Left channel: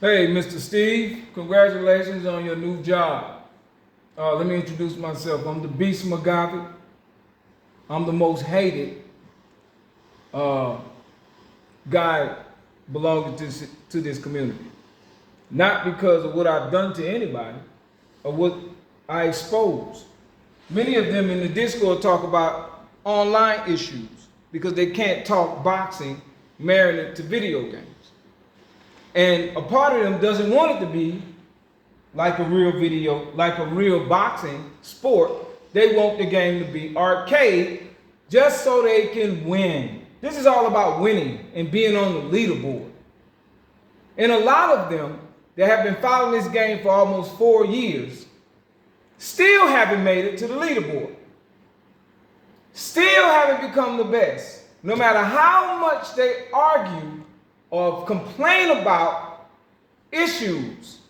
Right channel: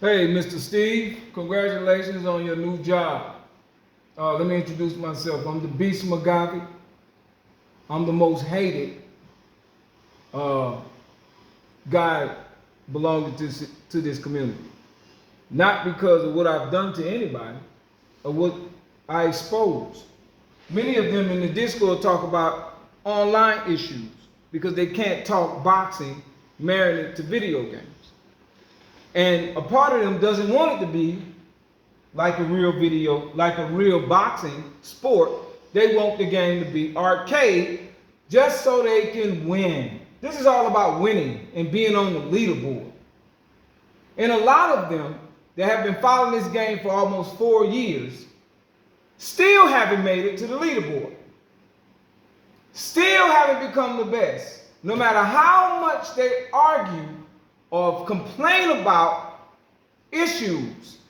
Hey, Mr. Steve, congratulations on your new job. Let me introduce myself. I'm the Beast McGavie. I'm the most hated uh, guy belonging to this community. Not because of what I've done to anybody or what I expose. Many of them in the Discord talk about online issues because they can't talk boxing married to video games. And a part of them doesn't want it to be like a real video, like a real boxing sport. They want the game to be arcade just so they can win. This is all about winning and being on the leaderboard. And a lot of them that have been following this game for almost 4 years still haven't made it to the leaderboard. Still haven't become the best. No matter how much they argue or complain about issues,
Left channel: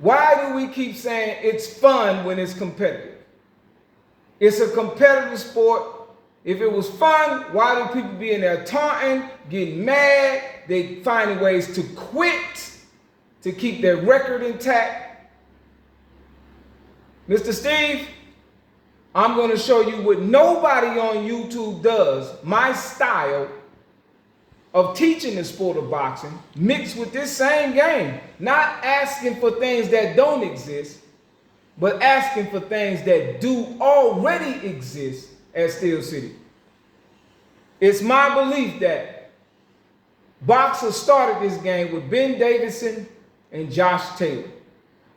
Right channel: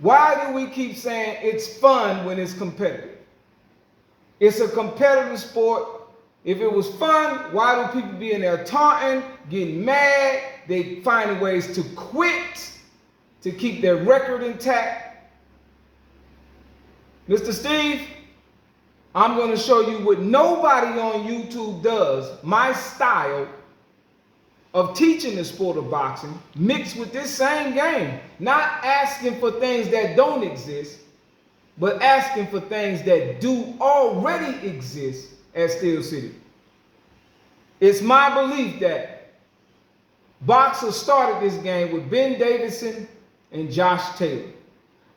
why do we keep saying it's fun when it's competitive? It's a competitive sport. If it was fun, why do people be in there taunting, getting mad? They finding ways to quit to keep their record intact. Mr. Steve, I'm going to show you what nobody on YouTube does, my style of teaching the sport of boxing mixed with this same game. Not asking for things that don't exist, but asking for things that do already exist at Steel City. It's my belief that boxers started this game with Ben Davidson and Josh Taylor.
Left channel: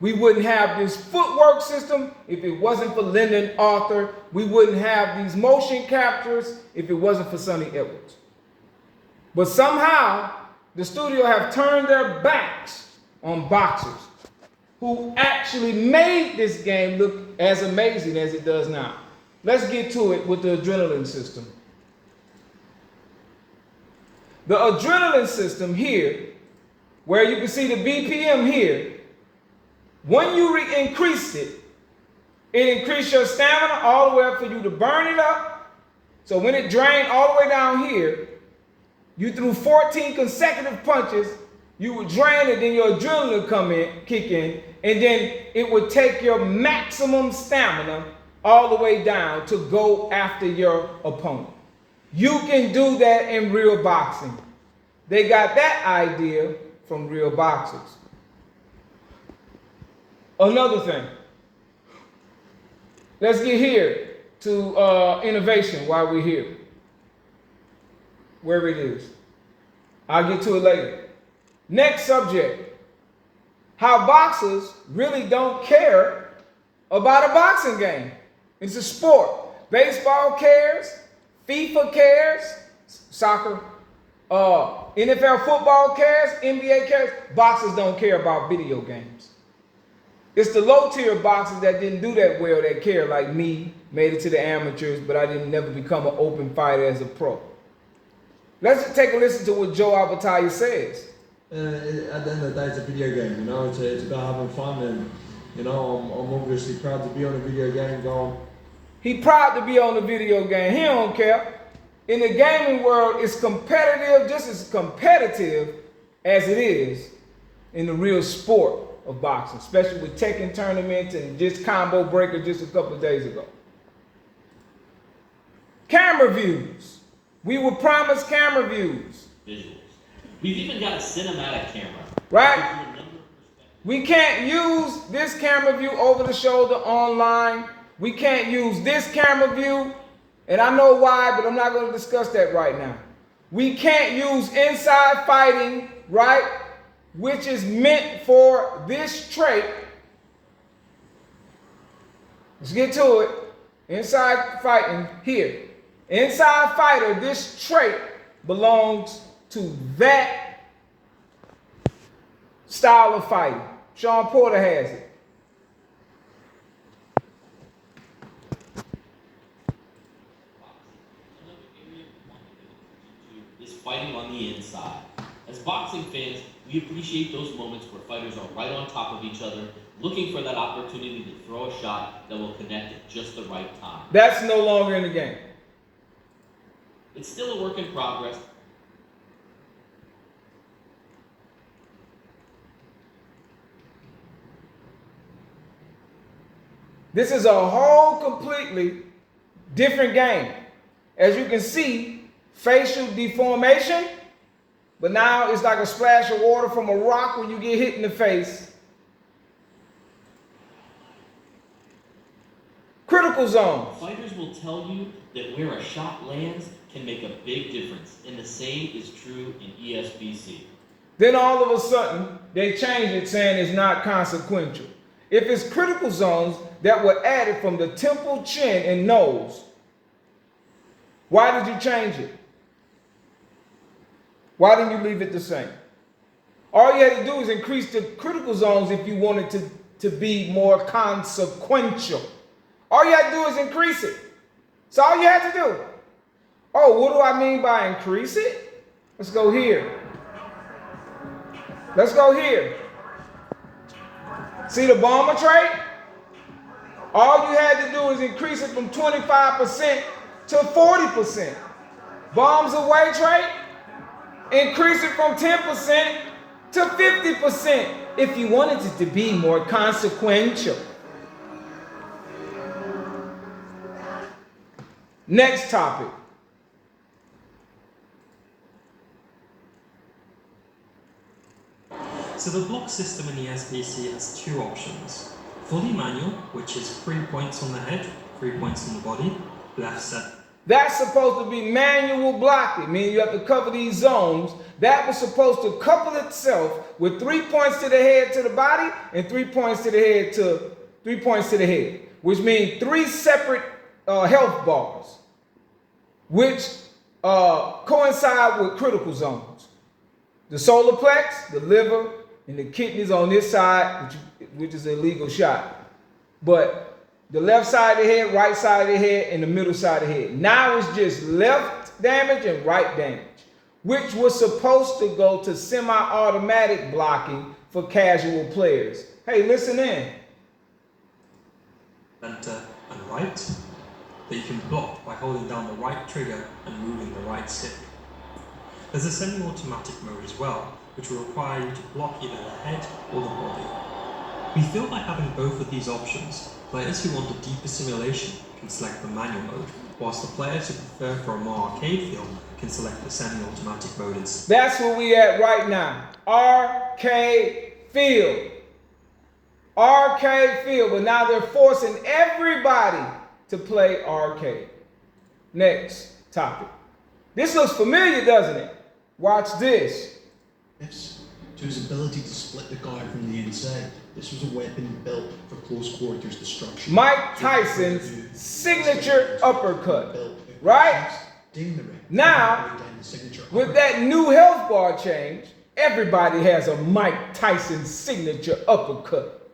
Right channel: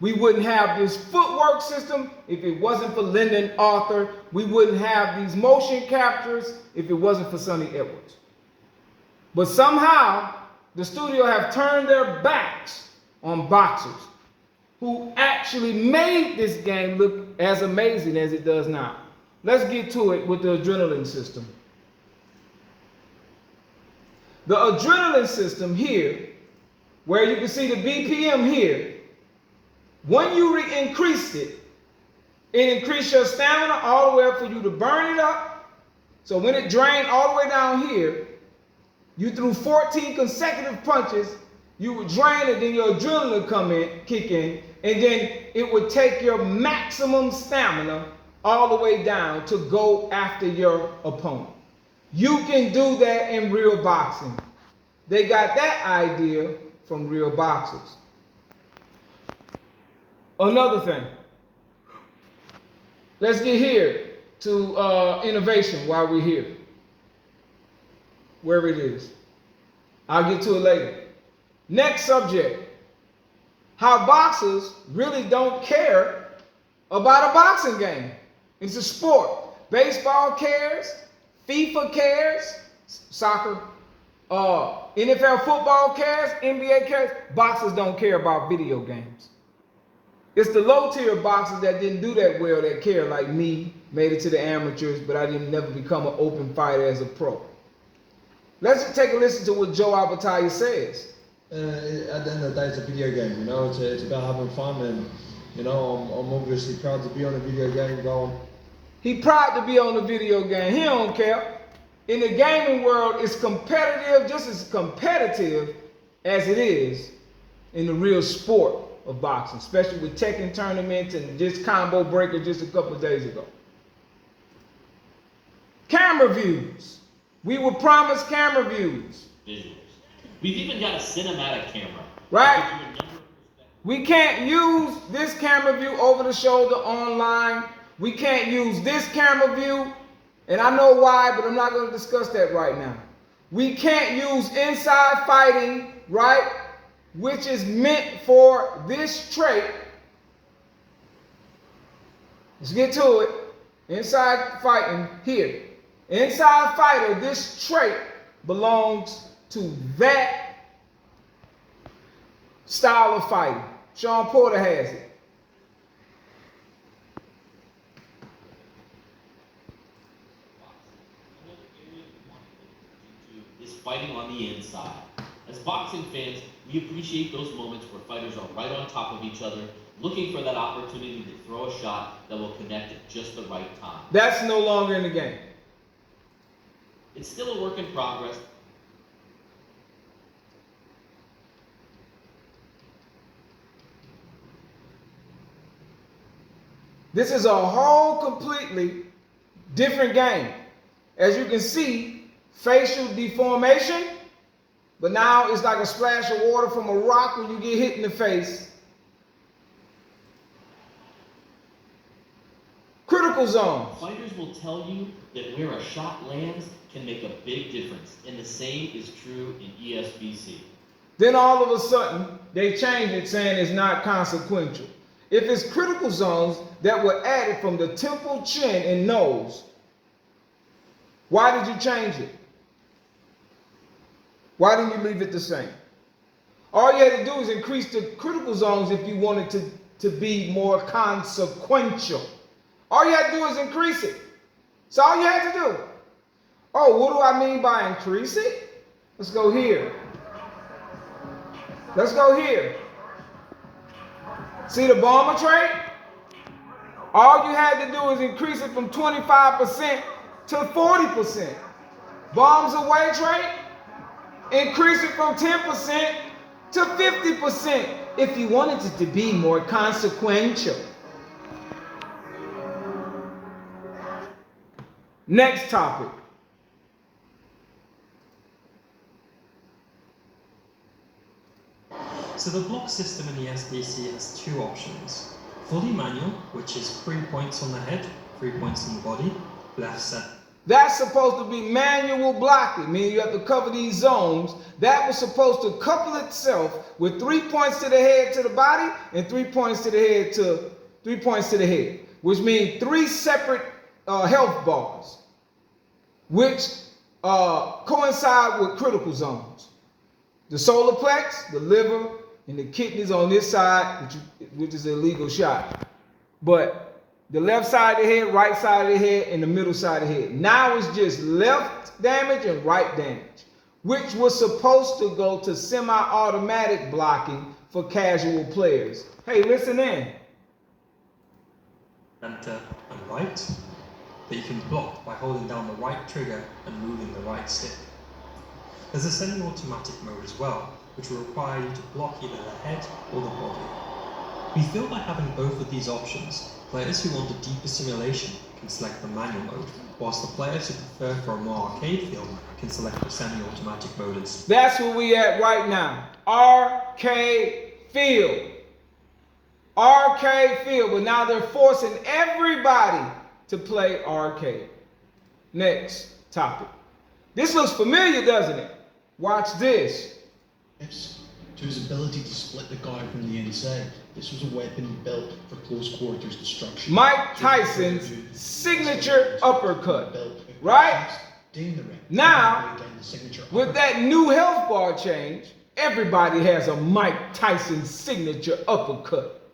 We wouldn't have this footwork system if it wasn't for Lyndon Arthur. We wouldn't have these motion captures if it wasn't for Sonny Edwards. But somehow, the studio have turned their backs on boxers who actually made this game look as amazing as it does now. Let's get to it with the adrenaline system. The adrenaline system here, where you can see the BPM here, when you increased it, it increased your stamina all the way up for you to burn it up. So when it drained all the way down here, you threw 14 consecutive punches, you would drain it, then your adrenaline would kick in, and then it would take your maximum stamina all the way down to go after your opponent. You can do that in real boxing. They got that idea from real boxers. Another thing. Let's get here to innovation while we're here. Where it is. I'll get to it later. Next subject. How boxers really don't care about a boxing game. It's a sport. Baseball cares. FIFA cares. Soccer. NFL football cares. NBA cares. Boxers don't care about video games. It's the low tier boxers that didn't do that well that care, like me, made it to the amateurs, but I didn't never become an open fighter as a pro. Let's just take a listen to what Joe Albertaya says. At the end of the day, it's a video game, you know, it's about having fun, and, you know, I'm obviously proud to be on a video game going. He proud to be on the video game. He don't care. In the gaming world, it's competitive, just as competitive as it is in the real sport of boxing, especially with Tekken tournaments and just combo breaker just a couple of days ago. Camera views. We were promised camera views. Visuals. We've even got a cinematic camera. Right? We can't use this camera view over the shoulder online. We can't use this camera view. And I know why, but I'm not going to discuss that right now. We can't use inside fighting, right? Which is meant for this trait. Let's get to it. Inside fighting here. Inside fighter, this trait belongs to that style of fighting. Sean Porter has it. Is fighting on the inside. As boxing fans, we appreciate those moments where fighters are right on top of each other, looking for that opportunity to throw a shot that will connect at just the right time. That's no longer in the game. It's still a work in progress. This is a whole completely different game. As you can see, facial deformation, but now it's like a splash of water from a rock when you get hit in the face. Critical zone. Fighters will tell you that where a shot lands can make a big difference, and the same is true in ESBC. Then all of a sudden, they change it saying it's not consequential. If it's critical zones that were added from the temple, chin, and nose, why did you change it? Why didn't you leave it the same? All you had to do is increase the critical zones if you wanted to be more consequential. All you had to do is increase it. That's all you had to do. Oh, what do I mean by increase it? Let's go here. Let's go here. See the bomber trait? All you had to do is increase it from 25% to 40%. Bombs away trait? Increase it from 10% to 50% if you wanted it to be more consequential. Next topic. So the block system in the SBC has two options. Fully manual, which is 3 points on the head, 3 points on the body, left set. That's supposed to be manual blocking, meaning you have to cover these zones. That was supposed to couple itself with 3 points to the head to the body and 3 points to the head to 3 points to the head, which means 3 separate health bars, which coincide with critical zones. The solar plex, the liver, and the kidneys on this side, which is an illegal shot. But the left side of the head, right side of the head, and the middle side of the head. Now it's just left damage and right damage, which was supposed to go to semi-automatic blocking for casual players. Hey, listen in. Center and right, that you can block by holding down the right trigger and moving the right stick. There's a semi-automatic mode as well, which will require you to block either the head or the body. We feel by having both of these options, players who want a deeper simulation can select the manual mode, whilst the players who prefer for a more arcade feel can select the semi-automatic mode instead. That's where we at right now. Arcade feel. Arcade feel, but now they're forcing everybody to play arcade. Next topic. This looks familiar, doesn't it? Watch this. To his ability to split the guard from the inside. This was a weapon built for close quarters destruction. Mike Tyson's signature uppercut, right? Now, with that new health bar change, everybody has a Mike Tyson signature uppercut.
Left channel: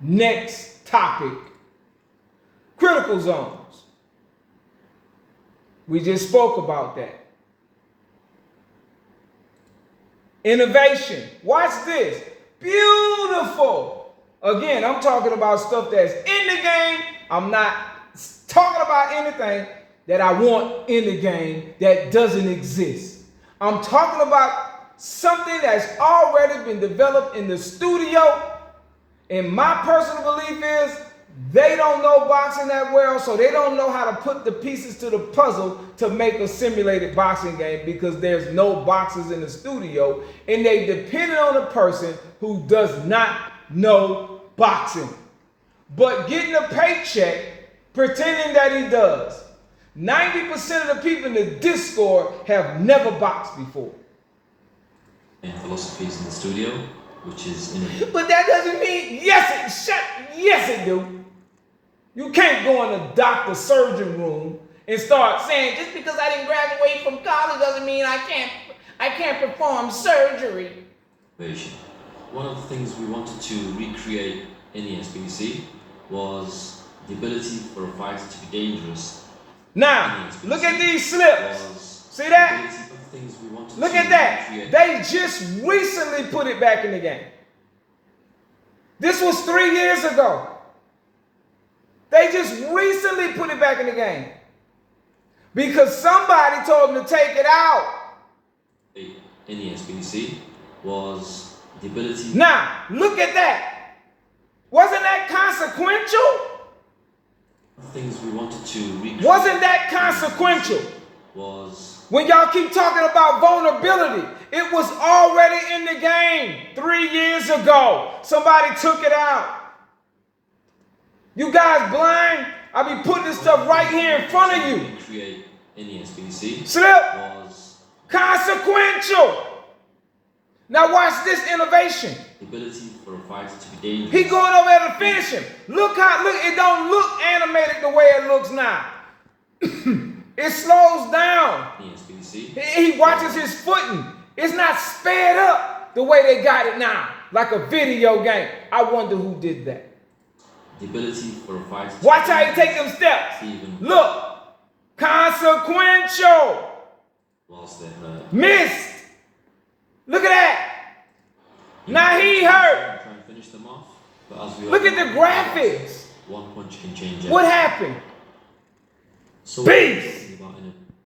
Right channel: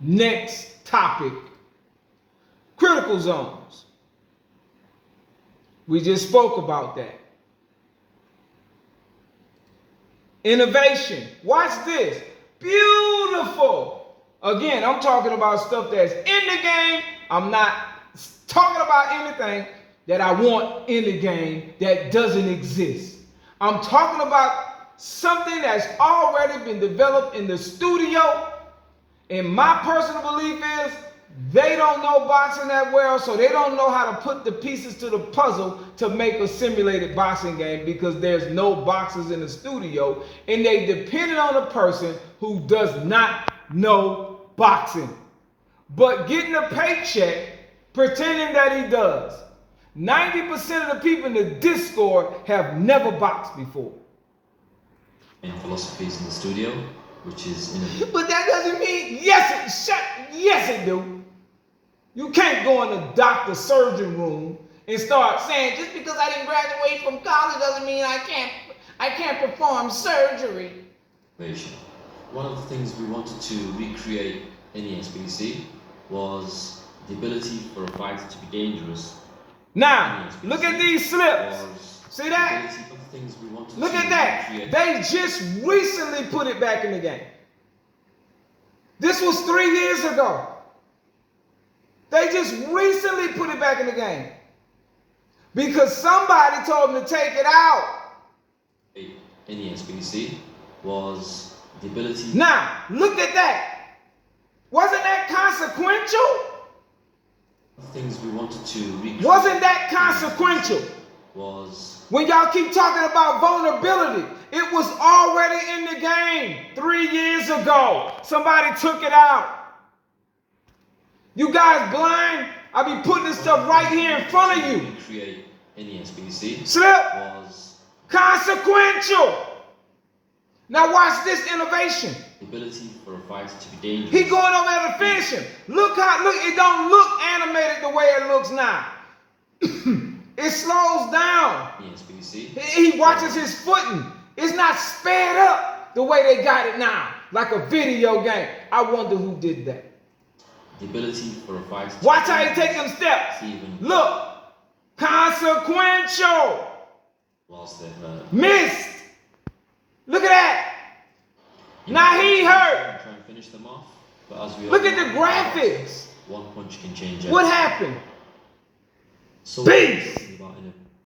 Next topic, critical zones. We just spoke about that. Innovation. Watch this. Beautiful. Again, I'm talking about stuff that's in the game. I'm not talking about anything that I want in the game that doesn't exist. I'm talking about something that's already been developed in the studio. And my personal belief is they don't know boxing that well, so they don't know how to put the pieces to the puzzle to make a simulated boxing game because there's no boxers in the studio, and they depended on a person who does not know boxing, but getting a paycheck pretending that he does. 90% of the people in the Discord have never boxed before. And philosophies in the studio, which is in But that doesn't mean yes it do. You can't go in a doctor's surgeon room and start saying just because I didn't graduate from college doesn't mean I can't perform surgery. One of the things we wanted to recreate in the SBC was the ability for a fighter to be dangerous. Now, look at these slips. See that? Look at that. They just recently put it back in the game. This was 3 years ago. They just recently put it back in the game. Because somebody told them to take it out. In the SBC was the ability. Now, look at that. Wasn't that consequential? Things we wanted to recreate Wasn't that consequential? was When y'all keep talking about vulnerability, it was already in the game 3 years ago. Somebody took it out. You guys blind? I be putting this stuff right here in front of you. Create in the SBC Slip. was Consequential. Now watch this innovation. the ability for a fighter to be dangerous. He going over there to finish him. Look, it don't look animated the way it looks now. It slows down. in the SBC. He watches his footing. It's not sped up the way they got it now, like a video game. I wonder who did that. The ability for a fighter to Watch be how he dangerous take them steps. even Look, consequential. whilst they're hurt. Missed. Look at that. Now he hurt. Try and finish them off. But as we Look all at the know, graphics. one punch can change What everything. happened? So Beast. It's about in a